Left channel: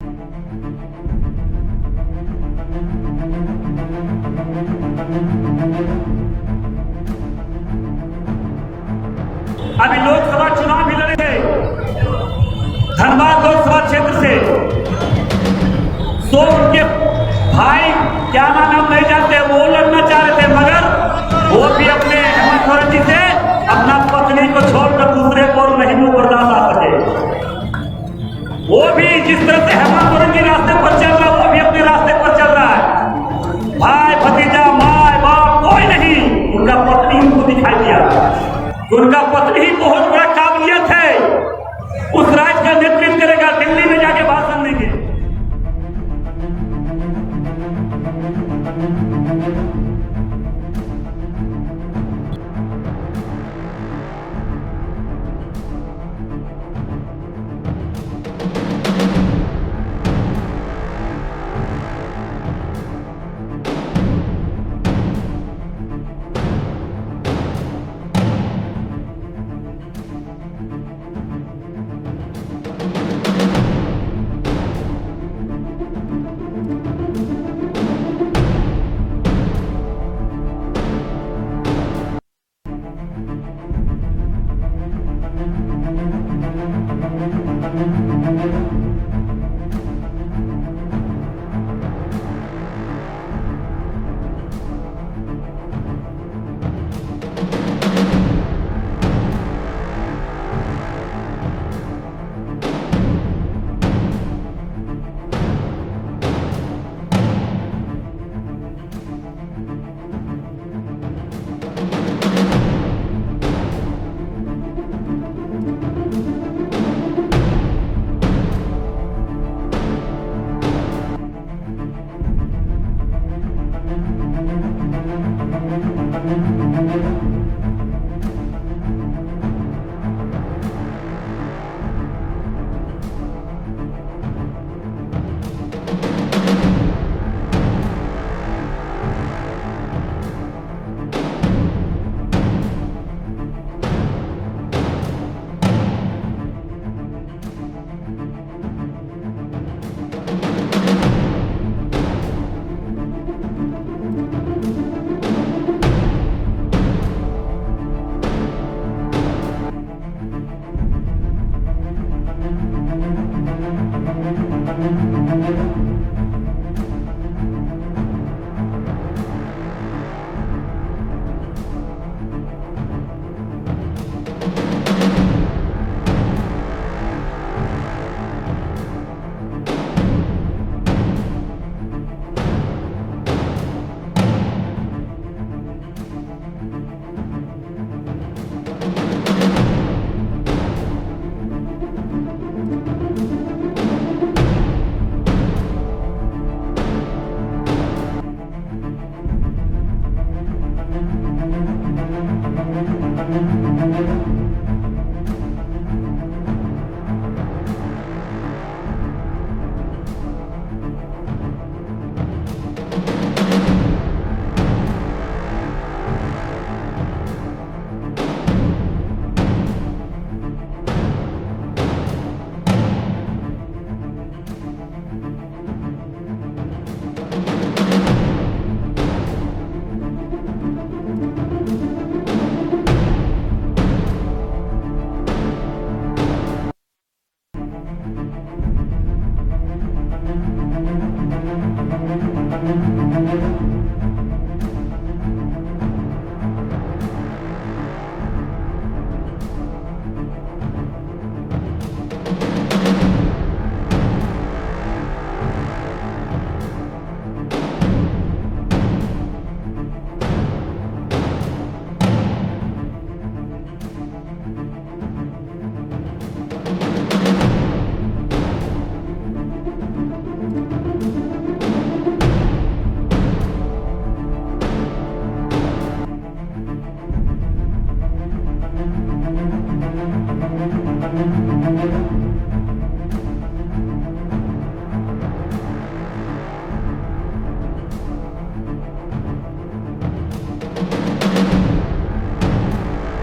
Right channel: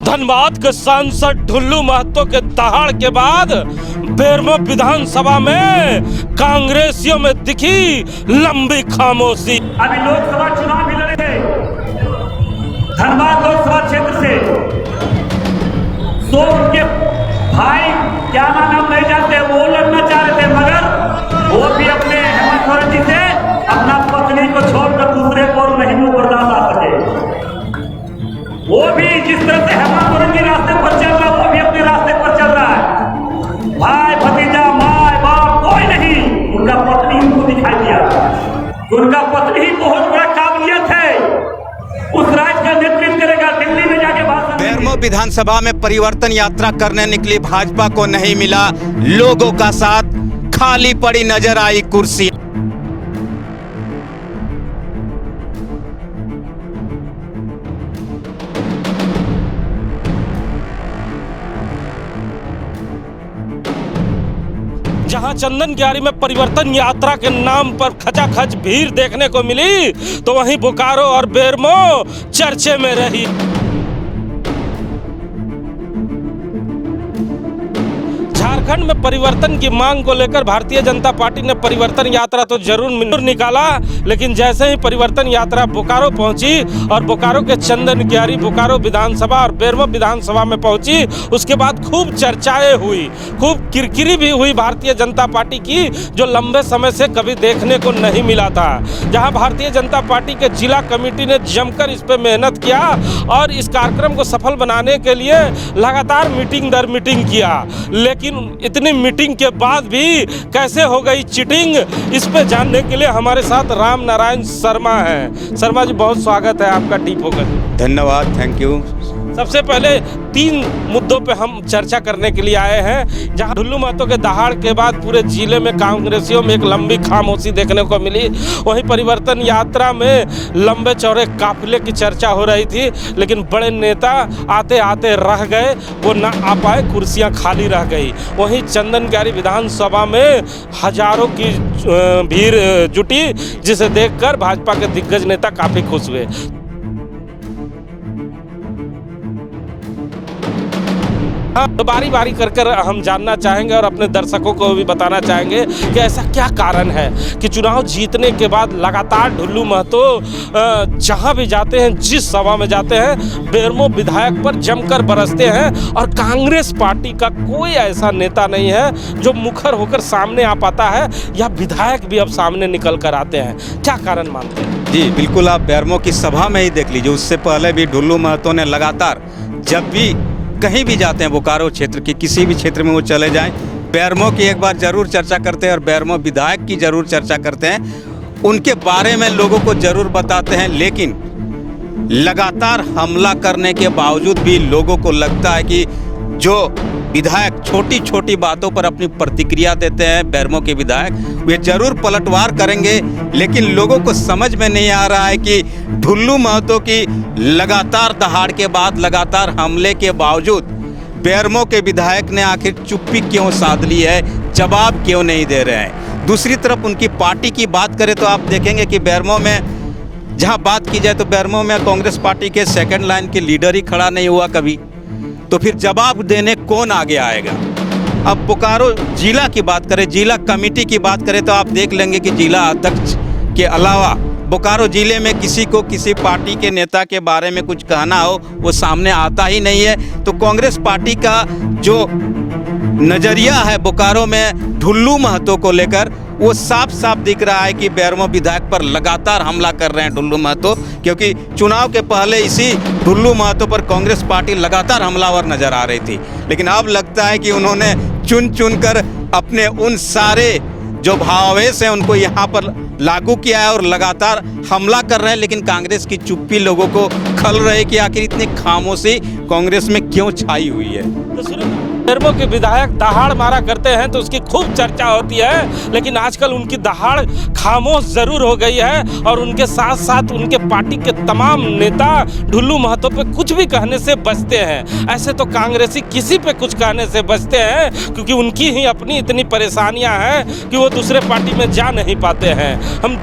धनबाद के सांसद ढुल्लू महतो के दहाड़ के बाद बेरमो विधानसभा में कांग्रेसियों में दिखी लंबी खामोशी। अभी लोकसभा चुनाव भी लड़े थे धनबाद लोकसभा क्षेत्र से, तो उनके भाई क्या नाम नहीं जानते, वो लड़ना चाह रहे थे, मगर वो भी अपने हेमंत सोरेन जी से अपना पत्नी को छोड़कर दूसरे को नहीं वो बर्दाश्त आ सके। वो भी जिस तरह से हेमंत सोरेन जी रास्ते पर चल रहा है, वो भी अपने रास्ते पर चल रहा है। भाई भतीजा माँ बाप कोई नहीं, उनका पत्नी उनको दिखाई दिया। उनका पत्नी ही बहुत बड़ा काबिलियत है, उस राज्य का नेतृत्व करेगा, दिल्ली में जाके भाषण देंगे। विधानसभा में परिवर्तन यात्रा करने निकली भाजपा को नहीं मिला लोगों का साथ, खाली पड़ी नजर आई कुर्सी। जहां चंदनग्यारी में परिवर्तन यात्रा के नाम पर खचाखच भीड़ देखने को मिली, तो वहीं बोकारो और बेरमो चर्चे में रही। झारखंड में परिवर्तन की मांग को लेकर भारतीय जनता पार्टी ने परिवर्तन यात्रा तो जरूर निकाला, लेकिन जैसे ही परिवर्तन यात्रा बोकारो पहुंची और बोकारो के चंदनग्यारी, बोकारो विधानसभा और बेरमो विधानसभा में पहुंची, उसके बाद खूब चर्चाएं हुई, खूब किरकिरी भी हुई भारतीय जनता पार्टी की, जो लंबे समय से कभी देखने को नहीं मिला था। जहां भारतीय जनता पार्टी के जिला कमेटी ने जमकर इस पर मेहनत किया और इस कार्यक्रम को सफल बनाने के लिए लगातार मीटिंग दर मीटिंग किया, लेकिन इतनी मीटिंग के बाद भी कैसे हो गई चीटिंग, इस पे जानने के लिए हमारे साथ राम नारायण शर्मा हैं। शर्मा जी, बहुत स्वागत है आपका टीप होकर। धन्यवाद, थैंक यू। सबसे पहले 3 मुद्दों पे हम चर्चा करने के लिए आए हैं। जहां ढुल्लू महतो के दहाड़ के बाद पूरे जिले में कांग्रेसियों में एक लंबी खामोशी देखने को मिली, वहीं परिवर्तन यात्रा में लंबे चौड़े काफिले की चर्चा हो रही थी, लेकिन बड़े नेता आते आते रह गए, वो ना आ पाए, कुर्सियां खाली रह गई। वहीं चंदनग्यारी विधानसभा में हजारों की भीड़ जुटी, जिसे देखकर भाजपा के दिग्गज नेता काफी खुश हुए। तो बारी बारी कर हम जानना चाहेंगे और अपने दर्शकों को भी बताना चाहेंगे कि ऐसा क्या कारण है कि चुनाव जीतने के बाद लगातार ढुल्लू महतो जहां भी जाते हैं, जिस सभा में जाते हैं, बेरमो विधायक पर जमकर बरसते हैं और कांग्रेस पार्टी का कोई ऐसा नेता नहीं है जो मुखर होकर सामने आ पाता है, या विधायक भी अब सामने निकल कर आते हैं। क्या कारण मानते हैं? जी बिल्कुल, आप बेरमो की सभा में ही देख लीजिए, उससे पहले भी ढुल्लू महतो ने लगातार जब भी कहीं भी जाते हैं, बोकारो क्षेत्र के किसी भी क्षेत्र में वो चले जाएं, बेरमो की एक बार जरूर चर्चा करते हैं और बेरमो विधायक की जरूर चर्चा करते हैं, उनके बारे में लोगों को जरूर बताते हैं। लेकिन लगातार हमला करने के बावजूद भी लोगों को लगता है कि जो विधायक छोटी छोटी बातों पर अपनी प्रतिक्रिया देते हैं, बेरमो के विधायक, वे जरूर पलटवार करेंगे, लेकिन लोगों को समझ में नहीं आ रहा है कि ढुल्लू महतो की लगातार दहाड़ के बाद, लगातार हमले के बावजूद बेरमो के विधायक ने आखिर चुप्पी क्यों साध ली है, जवाब क्यों नहीं दे रहे हैं। दूसरी तरफ उनकी पार्टी की बात करें तो आप देखेंगे कि बेरमो में जहां बात की जाए तो बेरमो में कांग्रेस पार्टी के सेकंड लाइन के लीडर ही खड़ा नहीं हुआ कभी, तो फिर जवाब देने कौन आगे आएगा। अब बोकारो जिला की बात करें, जिला कमेटी की बात करें तो आप देख लेंगे कि जिला अध्यक्ष के अलावा बोकारो जिले में किसी को किसी पार्टी के नेता के बारे में कुछ कहना हो, वो सामने आता ही नहीं है। तो कांग्रेस पार्टी का जो नजरिया है बोकारो में ढुल्लू महतो को लेकर, वो साफ साफ दिख रहा है कि बेरमो विधायक पर लगातार हमला कर रहे हैं ढुल्लू महतो, क्योंकि चुनाव के पहले इसी ढुल्लू महतो पर कांग्रेस पार्टी लगातार हमलावर नजर आ रही थी। लेकिन अब लगता है कि उन्होंने चुन चुन कर अपने उन सारे जो भावावेश हैं उनको यहाँ पर लागू किया है और लगातार हमला कर रहे हैं। लेकिन कांग्रेस की चुप्पी लोगों को खल रही है कि आखिर इतनी खामोशी कांग्रेस में क्यों छाई हुई है। बेरमो के विधायक दहाड़ मारा करते हैं तो उसकी खूब चर्चा होती है, लेकिन आजकल उनकी दहाड़ खामोश जरूर हो गई है और उनके साथ साथ उनके पार्टी के तमाम नेता ढुल्लू महतो पे कुछ भी कहने से बचते हैं। ऐसे तो कांग्रेसी किसी पे कुछ कहने से बचते हैं, क्योंकि उनकी ही अपनी इतनी परेशानियां हैं कि वो दूसरे पार्टी में जा नहीं पाते हैं। हम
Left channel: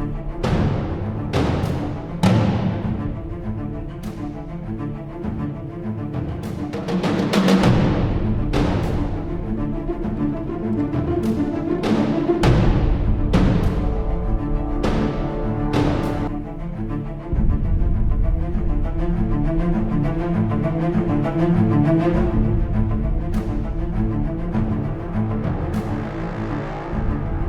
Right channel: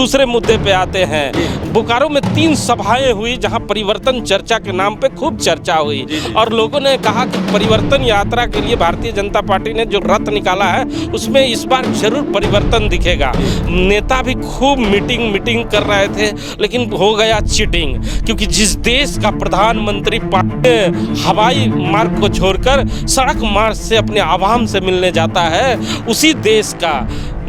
दूसरे मुद्दे पे आते हैं। बोकारो में 3 सभाएं हुई जहां परिवर्तन चर्चा के नाम पे खूब चर्चा हुई और लोगों ने कहा कि परिवर्तन यात्रा के लिए भारतीय जनता पार्टी ने जो रथ निकाला है उसमें इस बार जरूर परिवर्तन दिखेगा। नेता भी खूब मीटिंग कर रहे थे, लेकिन हो गया चीटिंग, क्योंकि जिस देश का प्रधानमंत्री हवाई मार्ग को छोड़कर सड़क मार्ग से अपने आवाम से मिलने जाता है, उसी देश का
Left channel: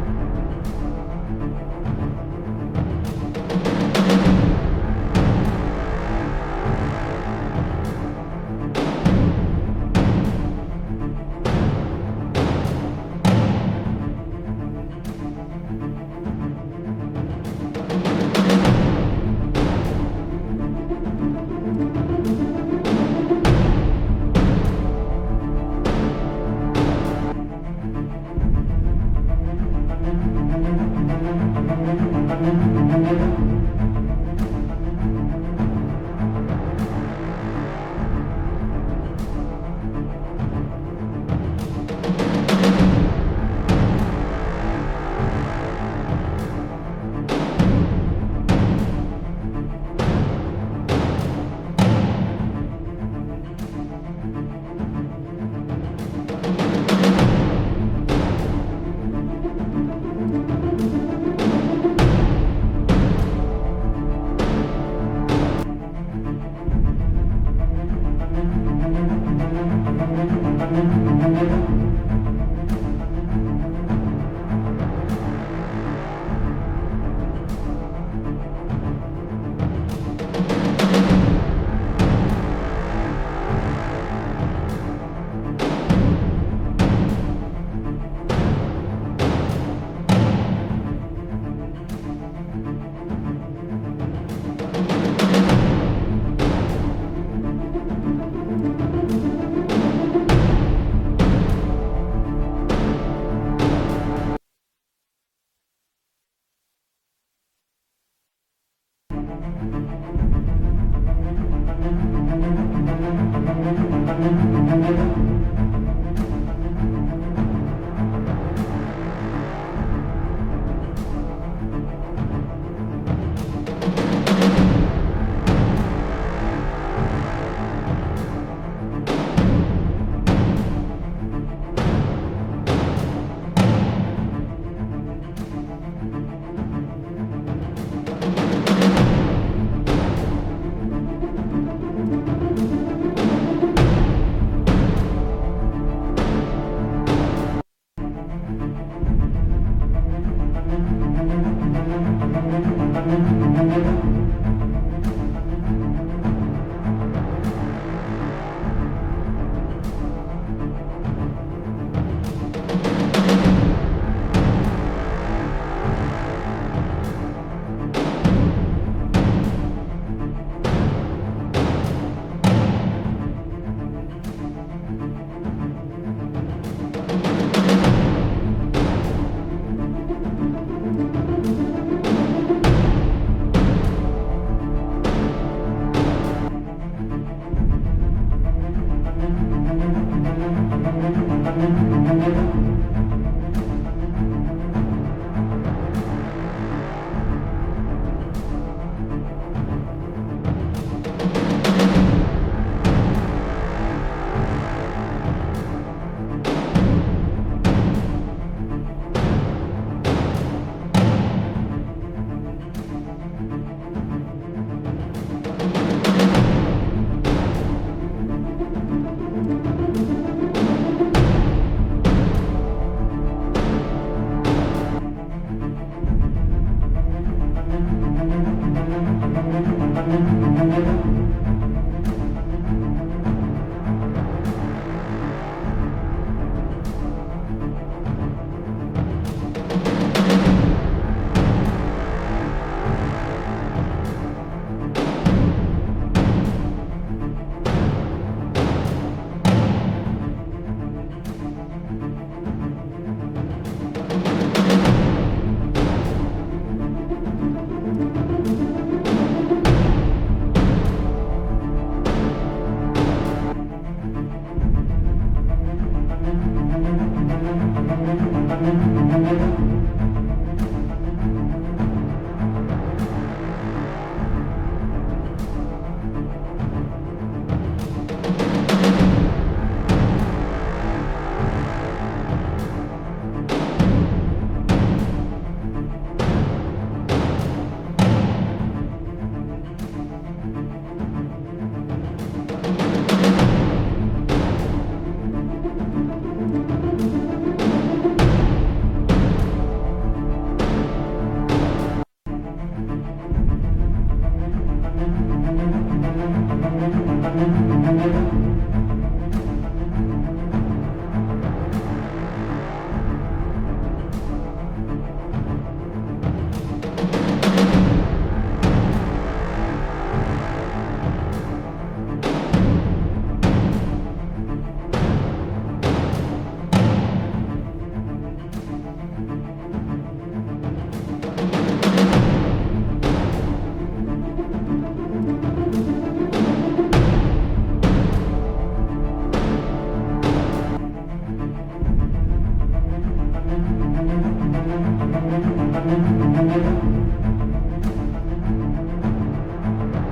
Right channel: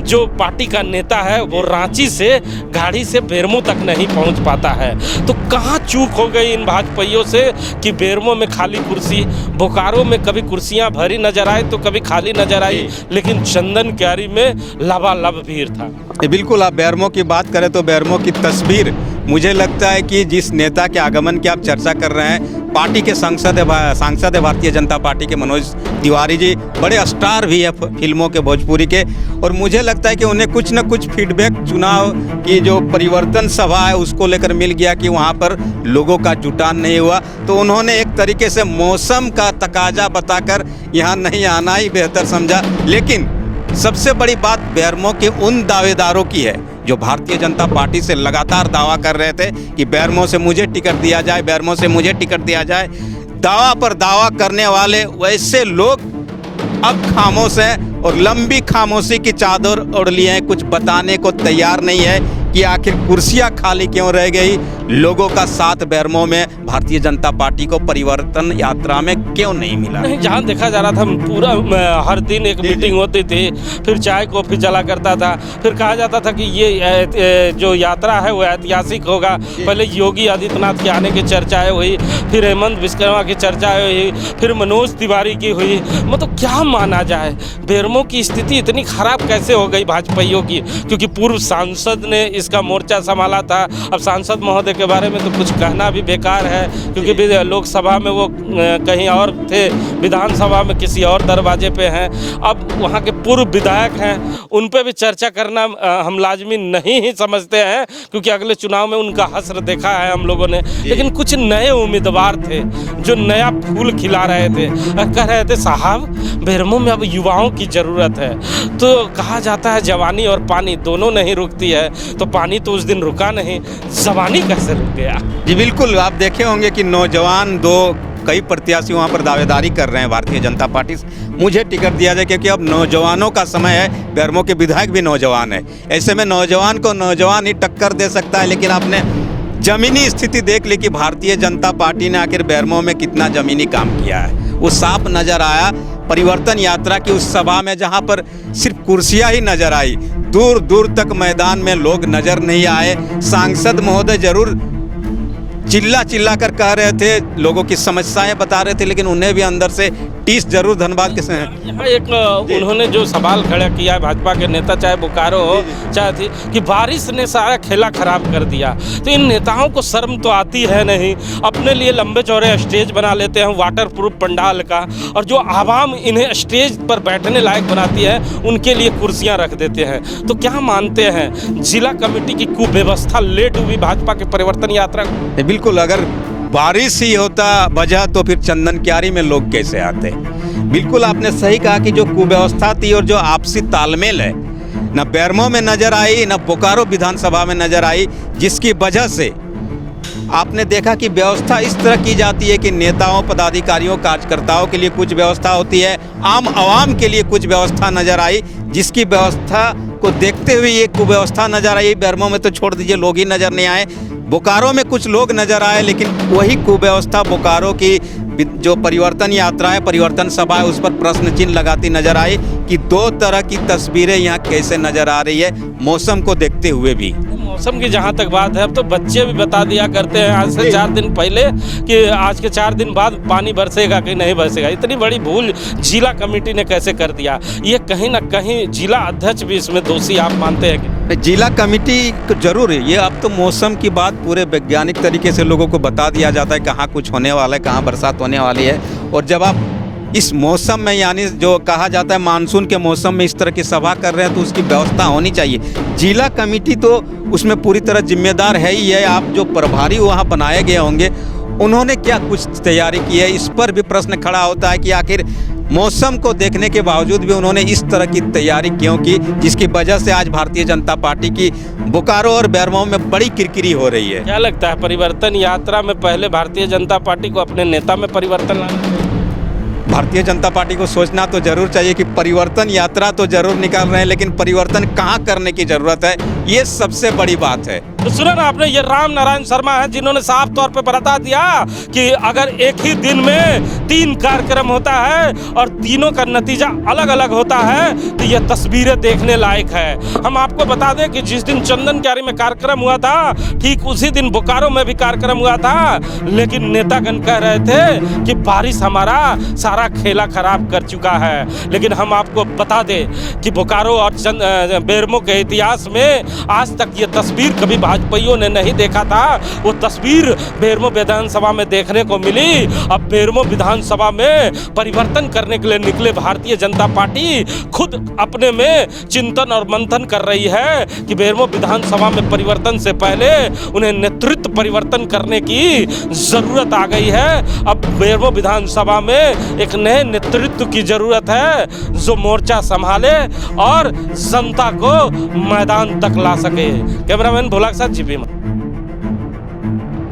जो पार्टी का नेता है वो रांची से गाड़ी से बेरमो तक नहीं पहुंच पाता है। तो कहाँ चूक हो गई इन भाजपाइयों से कि बेरमो में खाली कुर्सी, बोकारो में कभी कुर्सियां भरी नजर आई तो कभी खाली नजर आई, लेकिन चंदन क्यारी में लबालब भीड़ था। बिल्कुल, आप बेरमो की बात करें तो बेरमो की तस्वीर मुझे लगता है कि जिस नेता के आगमन की आप चर्चा कर रहे हैं, पार्टी के सांसद है भारतीय जनता पार्टी के मनोज तिवारी जी, बड़े स्टार भी है फिल्मों के, भोजपुरी के, और मुझे लगता है कि उन्हें कुछ न कुछ फीडबैक चुनाव की जो परिवर्तन सभा है उसको लेकर मिल गया कि वहाँ पर लोगों का जुटान नहीं हुआ, तो उन्होंने एक तरीके से मौसम का तकाजा बताकर यहाँ नहीं आना ही बेहतर समझा। लेकिन सबसे बड़ी बात बेरमो के उन दावेदारों की है जो भारतीय जनता पार्टी से लगातार दावा कर रहे थे कि बेरमो से मुझे टिकट दिया जाए, बेरमो से मुझे टिकट दिया जाए। दावा पर दावा करने वाले वैसे लोग अब खामोश हैं और लंबी खामोशी की चादर ओढ़ लिए हैं, कुछ बताने को तैयार नहीं है कि आखिर कुर्सियां खाली क्यों रह गई, लोगों का साथ बेरमो में भारतीय जनता पार्टी को परिवर्तन यात्रा में क्यों नहीं मिला। जहाँ देखा जा रहा था पूरा हर दिन एक मीटिंग होती थी, फिर चाय कॉफी चला करता था, फिर कहा जाता था कि ये जो यात्रा है वो ऐतिहासिक होगा। पहले योगी आदित्यनाथ के आने की चर्चाएं हुई, फिर हेमंत विश्वकर्मा की चर्चाएं हुई, फिर मनोज तिवारी की हुई। मतलब क्या माना जाए, बेरमो की स्थिति इतनी खराब कैसे हो गई भाजपाइयों की, क्योंकि पूर्व सांसद ने इसका मोर्चा संभाला था। अब सांसद महोदय के बारे में तो कुछ कहना भी बेकार है, क्योंकि लोकसभा में वो कहीं और थे, विधानसभा में किसी और दरवाजे पे हैं। अब वहाँ के पूर्व विधायक हैं, उन पे भी चर्चा करना हम लाजमी नहीं ही समझते हैं, क्योंकि अगले चुनाव में उनका हश्र देखा है हम लोगों ने। लेकिन कुछ नए उम्मीदवार थे जो नया फूल खिला रहे थे, कह रहे थे साहब बेरमो में अब युवाओं की ज़रूरत है। तो कहा जाता है जवानी और पानी दोनों नहीं रुकती है, तो पानी तो उस दिन रुका नहीं, जवानी कैसे रुक गया। जी बिल्कुल, आप देखे होंगे कि नौजवान कई प्रत्याशी वहाँ पर दावेदारी कर रहे हैं भारतीय जनता पार्टी से मुझे टिकट दिया जाए, क्योंकि अब नौजवानों का समय है। बेरमो के विधायक भी नौजवान है, ऐसे में नौजवान को नौजवान ही टक्कर दे सकता है। लेकिन आपने जमीनी स्थिति देख ली कि भारतीय जनता पार्टी ने आखिर बेरमो में कितना जमीनी काम किया है, वो साफ नजर आया परिवर्तन यात्रा की उस सभा में, जहां पर सिर्फ कुर्सियां ही नजर आई, दूर दूर तक मैदान में लोग नजर नहीं आए। सांसद महोदय जरूर चिल्ला कर कह रहे थे, लोगों की समस्याएं बता रहे थे, लेकिन उन्हें भी अंदर से टीस जरूर धनबाद के यहाँ एक उन्होंने जो सवाल खड़ा किया है भाजपा के नेता, चाहे बोकारो हो चाहे थी, कि बारिश ने सारा खेला खराब कर दिया। तो इन नेताओं को शर्म तो आती है नहीं, अपने लिए लंबे चौड़े स्टेज बना लेते हैं वाटर प्रूफ पंडाल का, और जो आवाम इन्हें स्टेज पर बैठने लायक बनाती है उनके लिए कुर्सियां रख देते हैं। तो क्या मानते हैं जिला कमेटी की कुव्यवस्था लेट हुई भाजपा के परिवर्तन यात्रा को? बिल्कुल, अगर बारिश ही होता वजह तो फिर चंदन क्यारी में लोग कैसे आते। बिल्कुल आपने सही कहा कि जो कुव्यवस्था थी और जो आपसी तालमेल है, न बेरमो में नजर आई न बोकारो विधानसभा में नजर आई, जिसकी वजह से आपने देखा कि व्यवस्था इस तरह की जाती है कि नेताओं, पदाधिकारियों, कार्यकर्ताओं के लिए कुछ व्यवस्था होती है, आम आवाम के लिए कुछ व्यवस्था नजर आई, जिसकी व्यवस्था को देखते हुए ये कुव्यवस्था नजर आई। बेरमो में तो छोड़ दीजिए, लोग ही नजर नहीं आए। बोकारो में कुछ लोग नजर आए, लेकिन वही कुव्यवस्था बोकारो की जो परिवर्तन यात्रा है, परिवर्तन सभा है, उस पर प्रश्न चिन्ह लगाती नजर आई कि दो तरह की तस्वीरें यहाँ कैसे नजर आ रही है, मौसम को देखते हुए भी। मौसम की जहाँ तक बात है, अब तो बच्चे भी बता दिया करते हैं आज से 4 दिन पहले कि आज के 4 दिन बाद पानी बरसेगा कि नहीं बरसेगा। इतनी बड़ी भूल जिला कमेटी ने कैसे कर दिया, ये कहीं ना कहीं जिला अध्यक्ष भी इसमें दोषी आप मानते हैं? जिला कमेटी जरूर है, ये अब तो मौसम की बात पूरे वैज्ञानिक तरीके से लोगों को बता दिया जाता है कहाँ कुछ होने वाला है, कहाँ बरसात होने वाली है। और जब आप इस मौसम में, यानी जो कहा जाता है मानसून के मौसम में इस तरह की सभा कर रहे हैं, तो उसकी व्यवस्था होनी चाहिए। जिला कमेटी तो उसमें पूरी तरह जिम्मेदार है ही है। आप जो प्रभारी वहाँ बनाए गए होंगे उन्होंने क्या कुछ तैयारी की है, इस पर भी प्रश्न खड़ा होता है कि आखिर मौसम को देखने के बावजूद भी उन्होंने इस तरह की तैयारी क्यों की, जिसकी वजह से आज भारतीय जनता पार्टी की बोकारो और बेरमो में बड़ी किरकिरी हो रही है। क्या लगता है परिवर्तन यात्रा में पहले भारतीय जनता पार्टी को अपने नेता में परिवर्तन लाना? भारतीय जनता पार्टी को सोचना तो जरूर चाहिए कि परिवर्तन यात्रा तो जरूर निकाल रहे हैं, लेकिन परिवर्तन कहाँ करने की जरूरत है, ये सबसे बड़ी बात है। तो सुना ना आपने, ये राम नारायण शर्मा है जिन्होंने साफ तौर पे बता दिया कि अगर एक ही दिन में 3 कार्यक्रम होता है और तीनों का नतीजा अलग अलग होता है तो ये तस्वीरें देखने लायक है। हम आपको बता दें कि जिस दिन चंदन क्यारी में कार्यक्रम हुआ था, ठीक उसी दिन बोकारो में भी कार्यक्रम हुआ था, लेकिन नेतागण कह रहे थे कि बारिश हमारा सारा खेला खराब कर चुका है। लेकिन हम आपको बता दें कि बोकारो और बेरमो के इतिहास में आज तक ये तस्वीर कभी भाजपाइयों ने नहीं देखा था। वो तस्वीर बेरमो विधानसभा में देखने को मिली। अब बेरमो विधानसभा में परिवर्तन करने के लिए निकले भारतीय जनता पार्टी खुद अपने में चिंतन और मंथन कर रही है कि बेरमो विधानसभा में परिवर्तन से पहले उन्हें नेतृत्व परिवर्तन करने की जरूरत आ गई है। अब बेरमो विधानसभा में एक नए नेतृत्व की जरूरत है जो मोर्चा संभाले और जनता को मैदान तक ला सके। कैमरामैन भोला के साथ जीपी।